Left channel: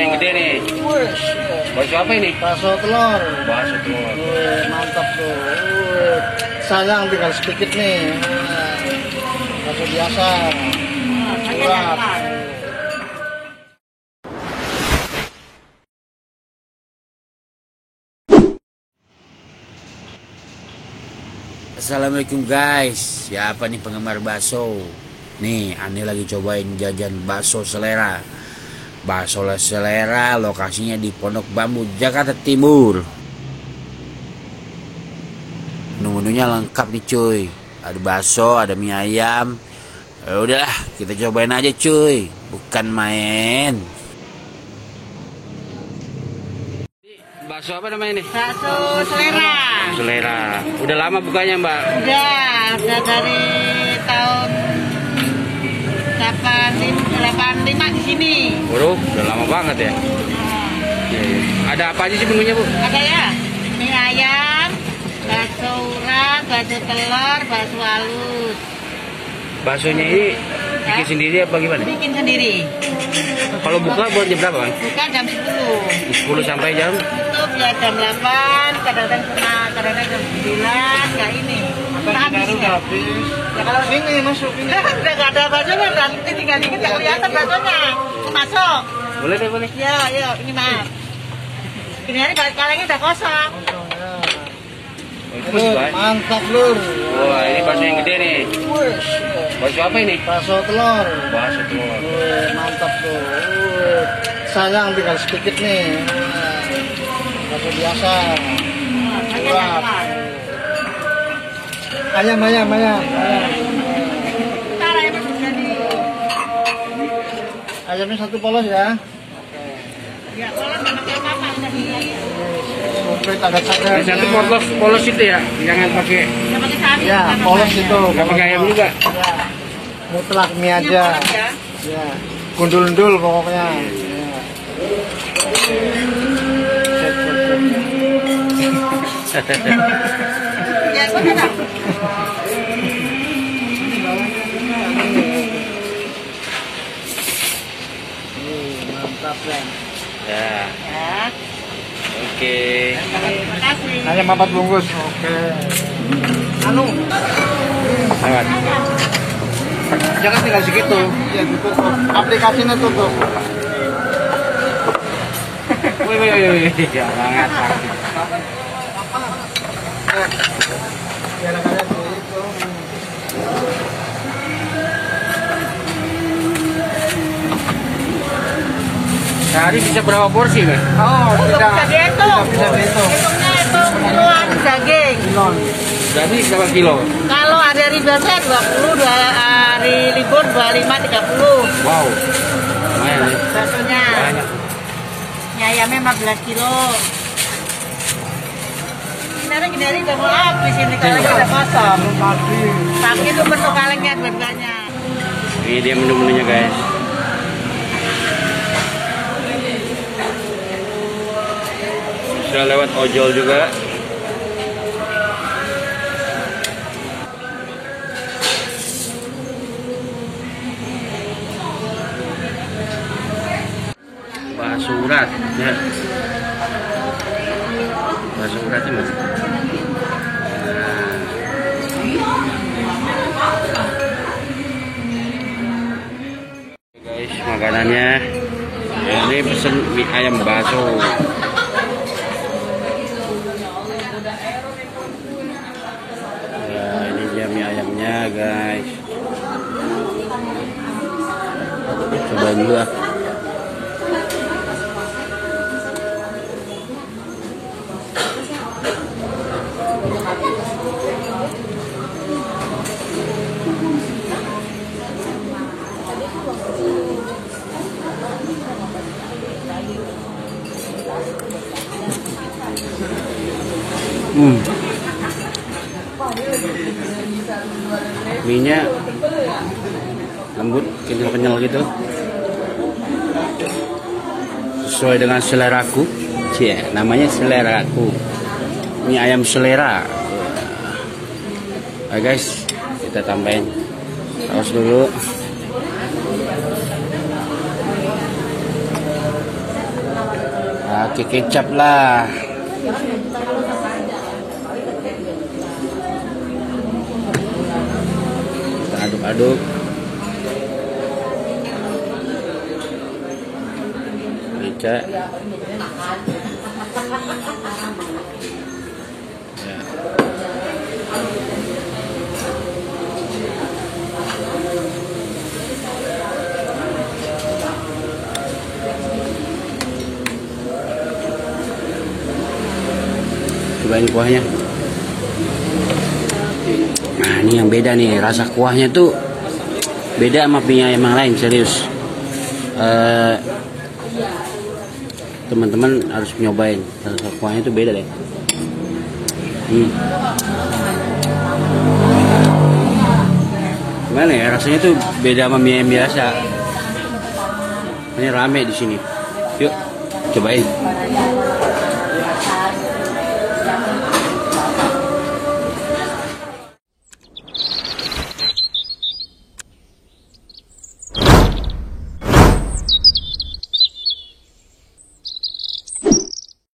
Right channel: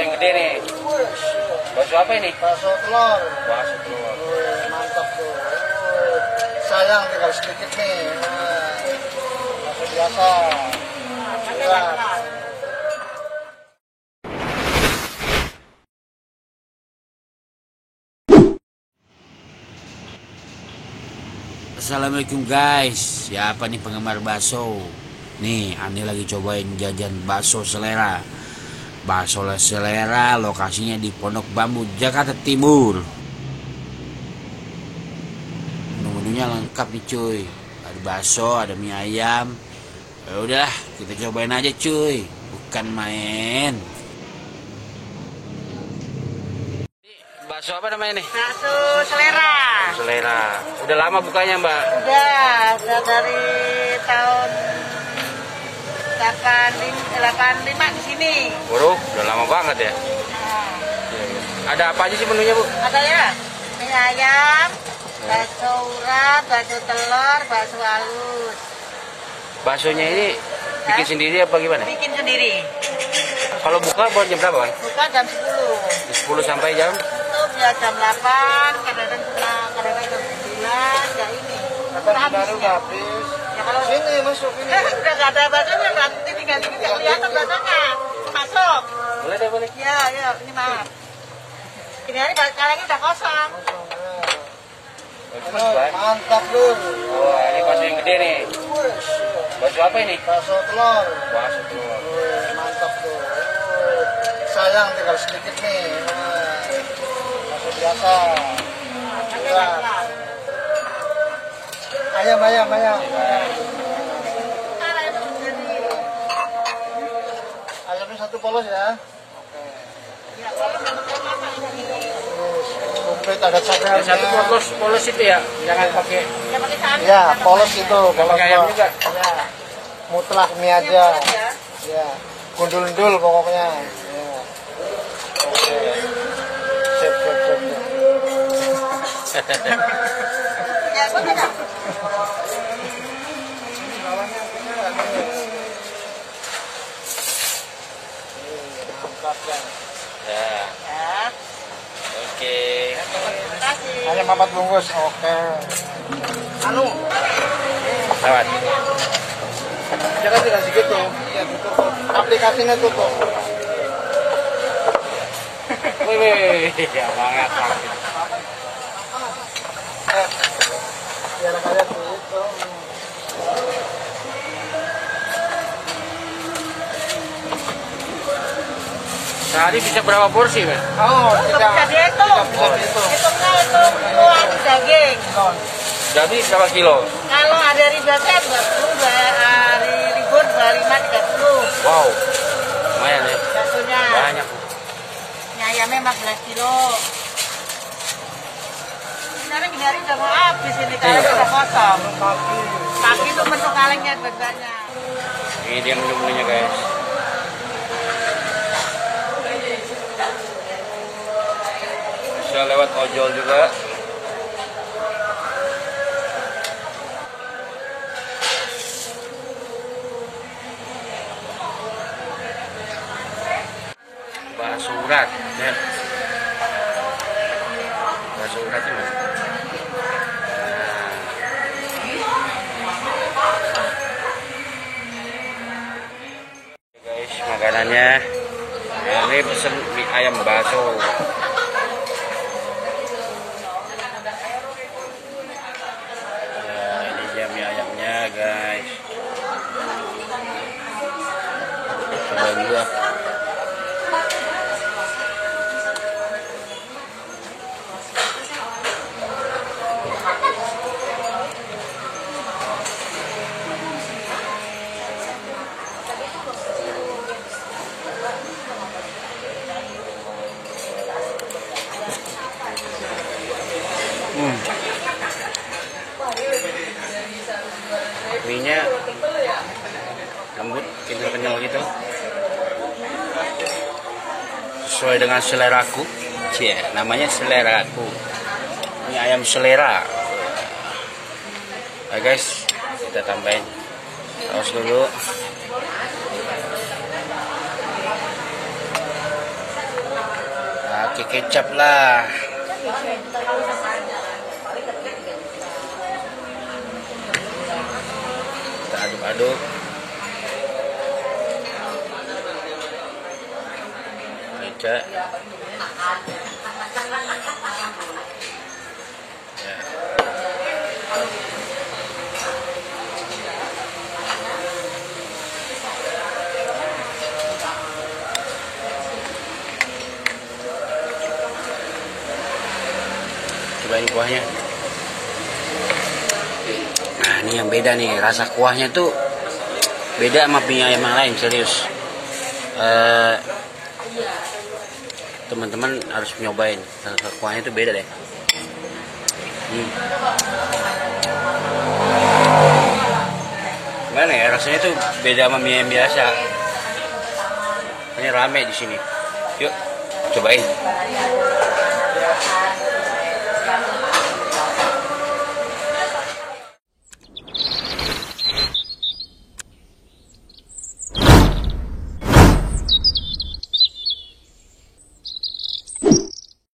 yang gede nih. Bakso apa ini? Bakso telur. Bakso telur. Mantap tuh. Sayang tinggal sedikit nih. Bakso biasa. Curhat. Assalamualaikum guys, siapa nih penggemar bakso? Nih, Ani lagi cobain jajan bakso selera. Bakso selera lokasinya di Pondok Bambu, Jakarta Timur. Menunya lengkap nih cuy. Ada bakso, ada mie ayam. Ya udah, kita cobain aja cuy. Bukan main. Bakso apa namanya nih? Bakso selera. Selera. Udah lama bukanya Mbak? Udah dari tahun 85 di sini. Waduh, udah lama banget ya. Iya, iya. Ada apa aja sih menunya Bu? Ada ya, mie ayam, bakso urat, bakso telur, bakso halus. Baksonya ini bikin sendiri apa gimana? Bikin sendiri. Kalau buka buat jam berapa Bang? Buka jam 10. 10 sampai jam? Tutup ya jam 8, kadang-kadang jam 9, ya ini. Baru udah habis. Sini masuk ini. Udah nggak ada baksonya, nanti tinggal dikit nggak kelihatan baksonya. Masuk. Boleh deh, boleh. Ya, ini mah. Ini hari balik kalengnya udah kosong. Oh, itu masih banyak. Mantap lur. Wah, ini bakso yang gede nih. Bakso apa ini? Bakso telur. Bakso telur. Mantap tuh. Sayang tinggal sedikit nih. Bakso biasa. Curhat. Ayam. Ayamnya satu polos ya. Ya, polos sama-sama ini. Komplit ada cakra. Yang satu polos itu ya, jangan pakai. Ya, polos itu. Gak pakai ayam juga. Mutlak mie aja. Ya, gundul-gundul pokoknya. Ya. Mantap ya. Ya. Oke. Hanya 4 bungkus. Oke. Lewat. Jangan tinggal segitu. Ya gitu. Aplikasinya tutup. Wih, banget. Biar kalian gitu. Sehari bisa berapa porsi nih? Oh, tidak. Bisa dihitung. Hitungnya itu kiloan daging. Jadi berapa kilo? Kalau ada hari biasa 20, hari libur 25, 30. Wow, lumayan ya. Baksonya. Banyak. Mie ayamnya 14 kilo. Sekarang gini hari udah mau habis ini kalengnya udah kosong. Tapi itu menu kalengnya banyak. Ini dia menu-menunya guys. Bisa lewat ojol juga. Bakso urat ya. Bakso urat ini. Nah. Guys, makanannya ya, ini pesen mie ayam bakso. Ya, ini dia mie ayamnya guys. Cobain dulu ah. Mie-nya lembut, kenyal-kenyal gitu. Sesuai dengan seleraku. Cie, namanya seleraku. Ini ayam selera. Nah guys, kita tambahin saus dulu. Pakai kecap lah. Kita aduk-aduk. Kecap. Ya. Cobain kuahnya. Nah, ini yang beda nih, rasa kuahnya tuh beda sama mie ayam yang lain, serius. Teman-teman harus nyobain, rasa kuahnya tuh beda deh. Gimana ya, rasanya tuh beda sama mie ayam biasa. Ini rame di sini. Yuk, cobain.